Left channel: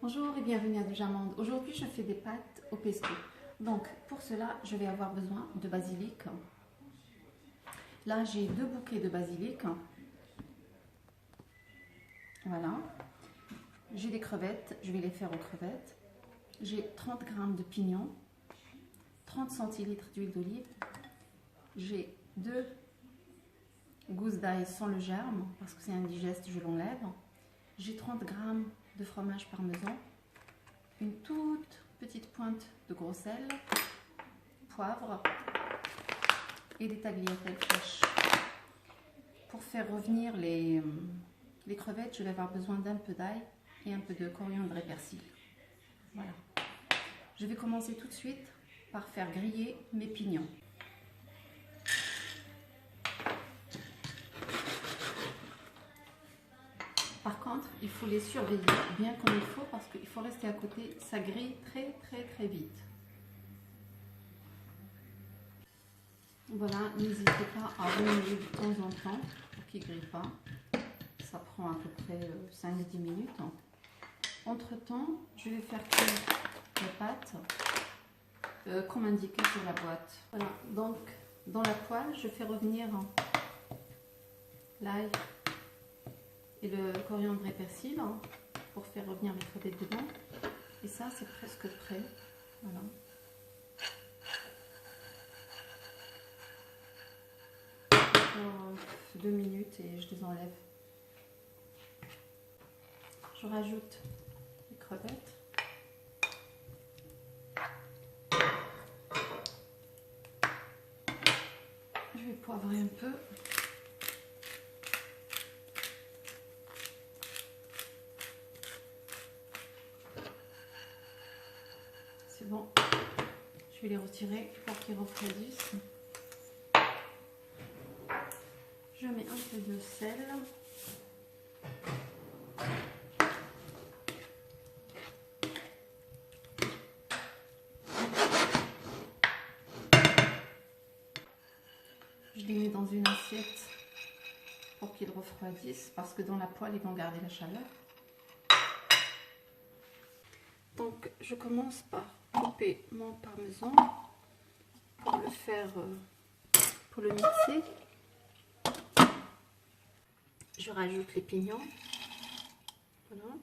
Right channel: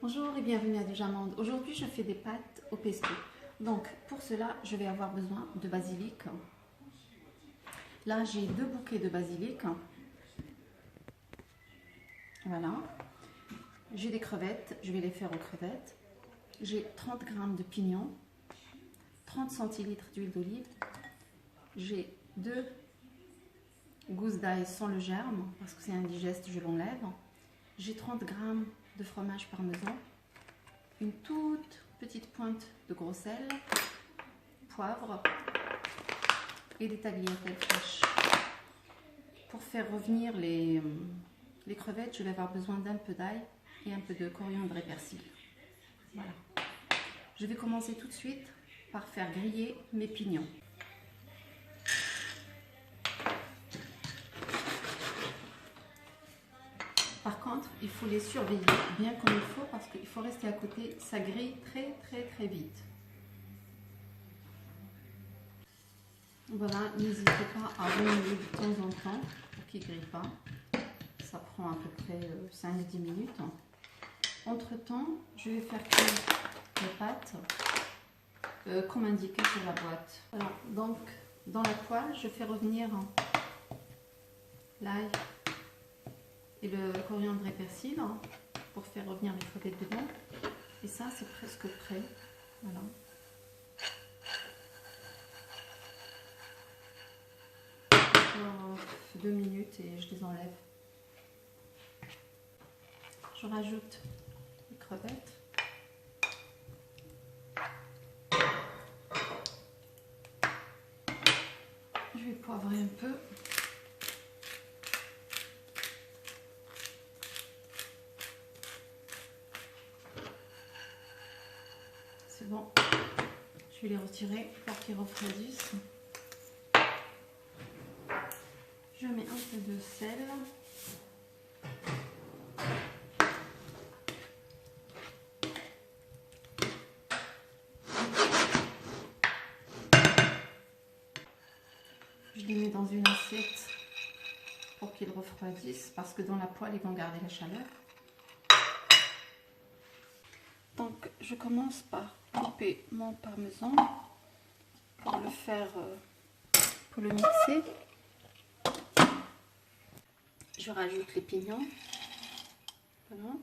Bonjour et bienvenue à Dojamonde. Aujourd'hui, je fais des pâtes au pesto. Donc, pour cela, je vais avoir besoin de basilic. Là, j'ai 2 bouquets de basilic. Voilà. J'ai des crevettes, je vais les faire aux crevettes. J'ai 30 g de pignons, 30 centilitres d'huile d'olive. J'ai 2 gousses d'ail sans le germe, parce que c'est indigeste, je l'enlève. J'ai 30 g de fromage parmesan, une toute petite pointe de gros sel, poivre et des tagliatelles fraîches. Pour faire revenir les crevettes, je vais avoir besoin d'un peu d'ail et un peu de coriandre et persil. Voilà. Je vais commencer tout de suite par faire griller mes pignons. Par contre, il faut les surveiller bien comme il faut parce qu'il faut rester à côté, ça grille très vite. Voilà, n'hésitez pas à remuer de temps en temps pour qu'il ne grille pas. Ça prend à peu près 5-10 minutes. Entre temps, je vais faire cuire les pâtes comme indiqué sur la boîte. Voilà, donc dans la poêle, je fais revenir l'ail et le coriandre et persil pour faire revenir les crevettes dedans. Et ça, c'est presque prêt. Voilà. Encore 2 minutes et je les enlève. Je rajoute les crevettes. Je vais poivrer un peu. C'est bon. Je vais les retirer pour qu'ils refroidissent. Je mets un peu de sel. Je les mets dans une assiette pour qu'ils refroidissent parce que dans la poêle, ils vont garder la chaleur. Donc, je commence par couper mon parmesan pour le faire, pour le mixer. Je rajoute les pignons. Voilà.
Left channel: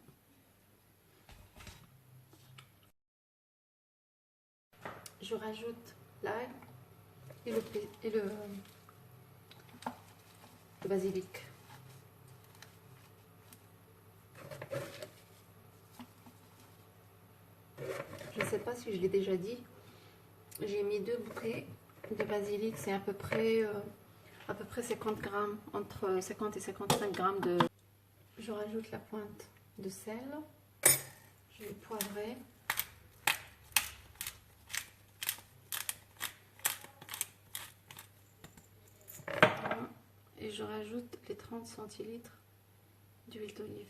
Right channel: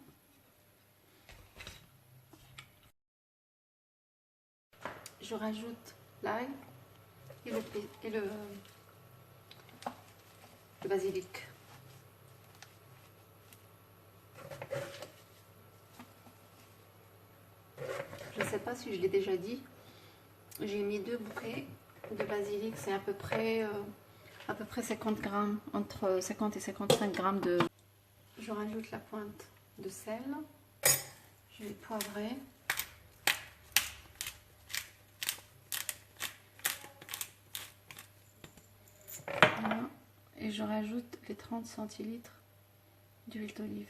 Je rajoute l'ail et le basilic. Je ne sais pas si je l'ai déjà dit, j'ai mis 2 bouquets de basilic, c'est à peu près 50 grammes, entre 50 et 55 grammes de... Je rajoute la pointe de sel, je vais poivrer. Voilà. Et je rajoute les 30 centilitres d'huile d'olive.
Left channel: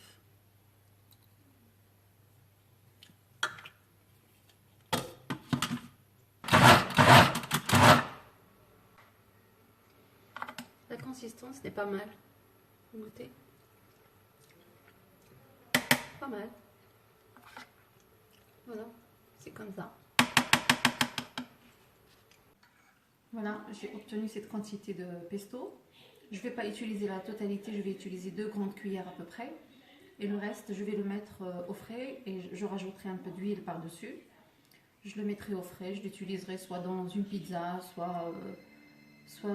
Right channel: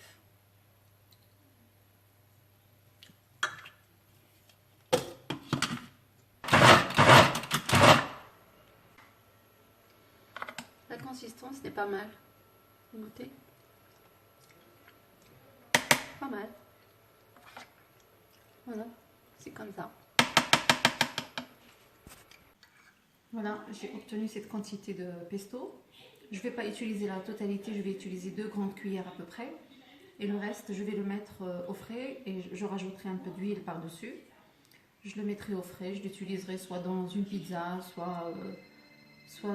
La consistance n'est pas mal. Vous goûtez? Pas mal. Voilà, c'est comme ça. Voilà, j'ai obtenu cette quantité de pesto. Je ne vais pas utiliser la totalité, je vais utiliser 2 grandes cuillères à peu près. Et le reste, je vais le mettre au frais et je rajouterai un peu d'huile par-dessus. Je le mettrai au frais, je l'utiliserai soit dans une pizza, soit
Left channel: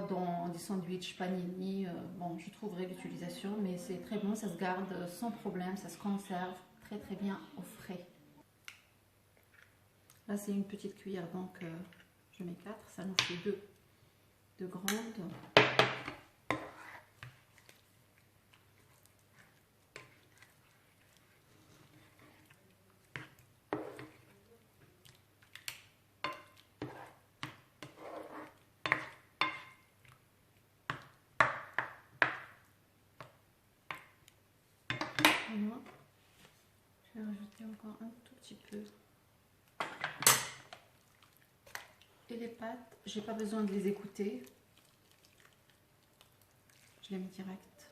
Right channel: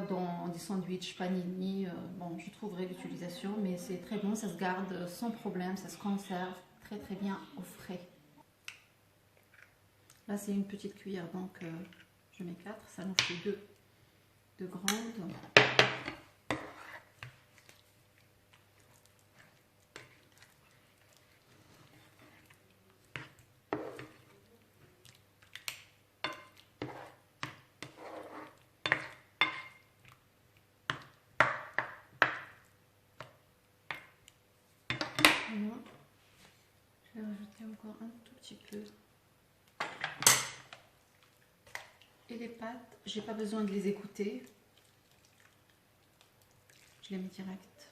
dans des sandwichs panini. Bon, je trouverai l'utilisation, mais c'est très bon, ça se garde sans problème, ça se conserve très bien au frais. Là, c'est une petite cuillère, donc je mets 4, ça nous fait 2 grandes. Voilà. Je vais rajouter encore un tout petit peu. Et les pâtes, j'ai pas besoin de les écouter. Je les mets direct.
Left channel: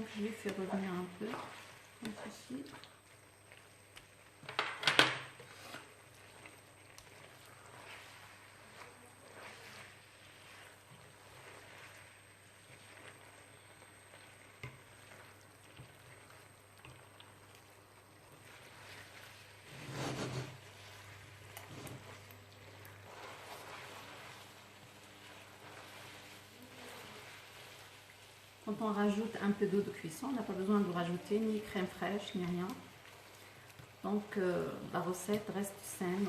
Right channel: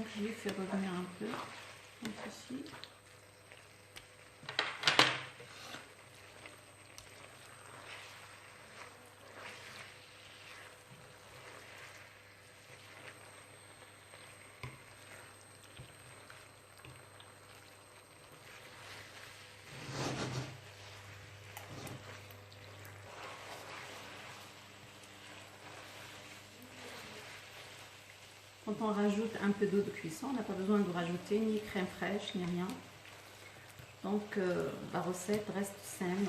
Donc je les fais revenir un peu, comme ceci. Quand on rajoute un peu d'eau de cuisson, on n'a pas besoin de rajouter ni crème fraîche, ni rien. Donc la recette reste saine.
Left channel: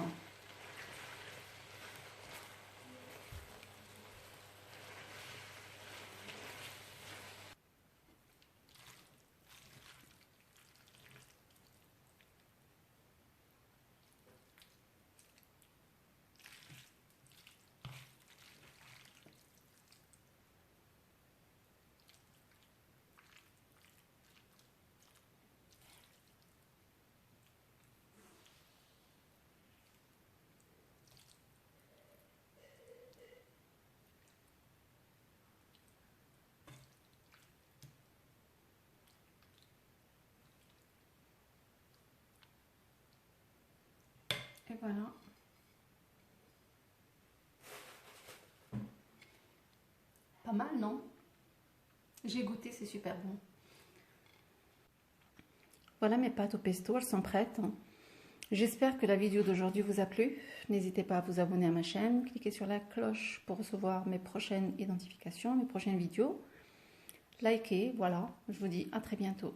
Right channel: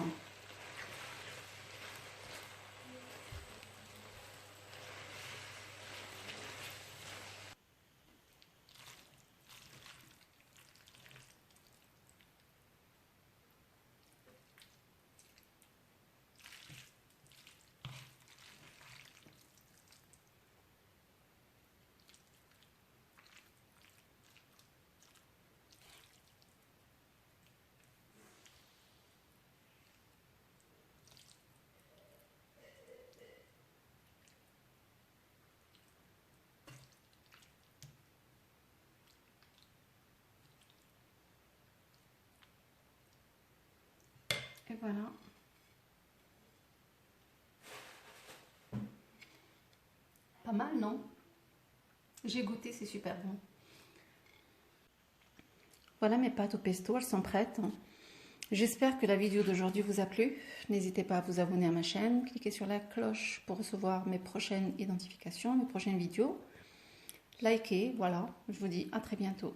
Et voilà. Pas mal, non? J'ai goûté, c'est super bon. Voilà mes pâtes au pesto, elles sont prêtes. J'espère que la vidéo d'aujourd'hui vous a plu. N'hésitez pas à vous abonner à ma chaîne, cliquez sur la cloche pour recevoir mes prochaines identifications, mes prochaines vidéos. Likez, voilà. Je vous dis à très bientôt.